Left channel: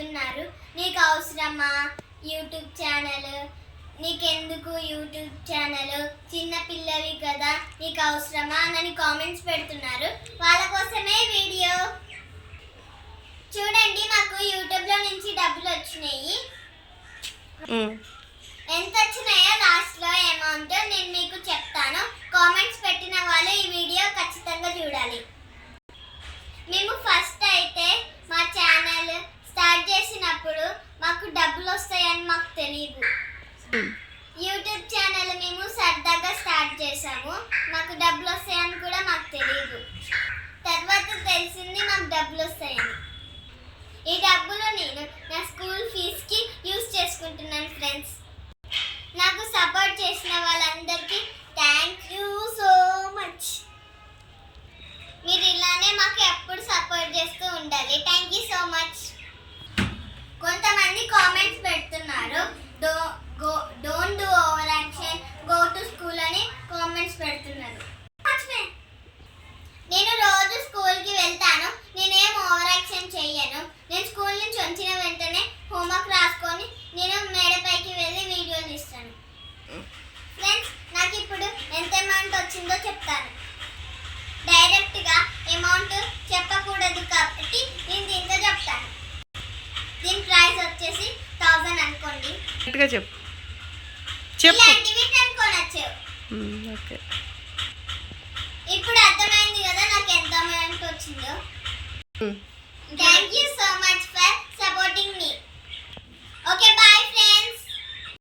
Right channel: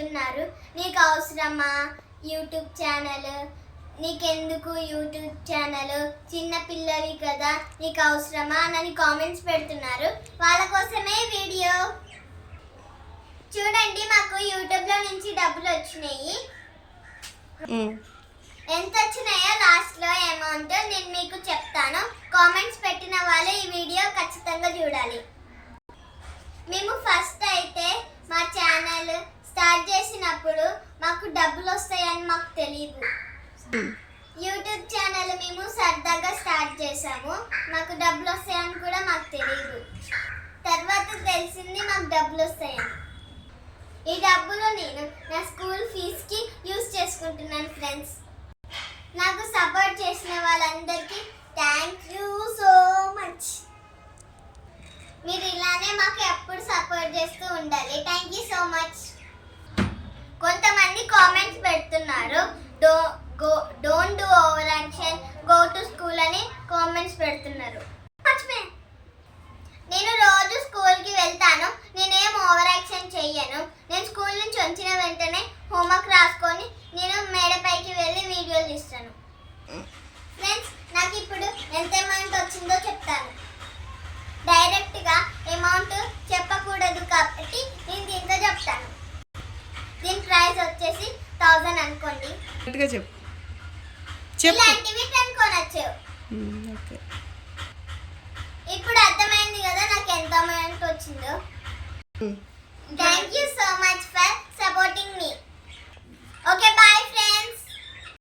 పెడుతున్నారు. నీకు అవసరమా యూట్యూబ్ ఛానల్, నీకెందుకు యూట్యూబ్ ఛానల్, చిన్న పిల్లవి కదా నీకు అవసరమా అని కామెంట్స్ పెడుతున్నారు. వాళ్ళ కోసమే వీడియో. చూడండి, మాకు యూట్యూబ్లో నుంచి డబ్బులు వచ్చినాయి. ఎంత వచ్చినాయో లాస్ట్లో అమౌంట్ నేను మీకు చెప్తాను. కామెంట్స్ పెట్టిన వాళ్ళు ఈ వీడియో ఖచ్చితంగా చూడాలి. మేము ఫస్ట్ అయితే మా ఛానల్ స్టార్ట్ చేసినప్పుడు మాకు డబ్బులు వస్తాయని మాకు తెలియదు. యూట్యూబ్ ఛానల్ మేము సరదాగా స్టార్ట్ చేసాము. మాకు డబ్బులు వస్తాయని కూడా మాకు తెలియదు. తర్వాత తెలిసింది మాకు డబ్బులు వస్తాయని. ఈ డబ్బులు నేను నా స్కూల్ ఫీజుకి యూజ్ చేసుకుంటున్నాను ఫ్రెండ్స్. నాకు సపోర్ట్ చేసిన వాళ్ళందరికీ థ్యాంక్ యూ సో మచ్. మీరు ఇలానే మాకు ఎప్పుడు సపోర్ట్ చేస్తూ ఉండాలి. Thank you so much. కొంతమంది కామెంట్స్ పెడుతున్నారు, don't do over action, go to school అని కామెంట్స్ పెడుతున్నారు. నేను రోజు స్కూల్కి వెళ్తాను, నేనేం ఓవర్ యాక్షన్ చెయ్యను. నేను స్కూల్ నుంచి వచ్చిన వెంటనే హోంవర్క్ రాసుకొని నేను మేడపైకి వెళ్ళి వీడియోలు తీస్తాను. ఫ్రెండ్స్, నాకు ఇప్పుడు ఎంత అమౌంట్ వచ్చిందో చెప్తాను. డైరెక్ట్గా అమౌంట్ చెప్పకూడదు కాబట్టి నేను దీంతో చెప్తాను. దీని ప్రైస్ వచ్చేసి 1000 అనుకోండి. ఇలాంటివి కొనొచ్చు. ఇప్పుడు అర్థమైంది కదా నాకు ఎంత అమౌంట్ వచ్చిందో. Thank you so much for supporting మీ. Okay, bye friends.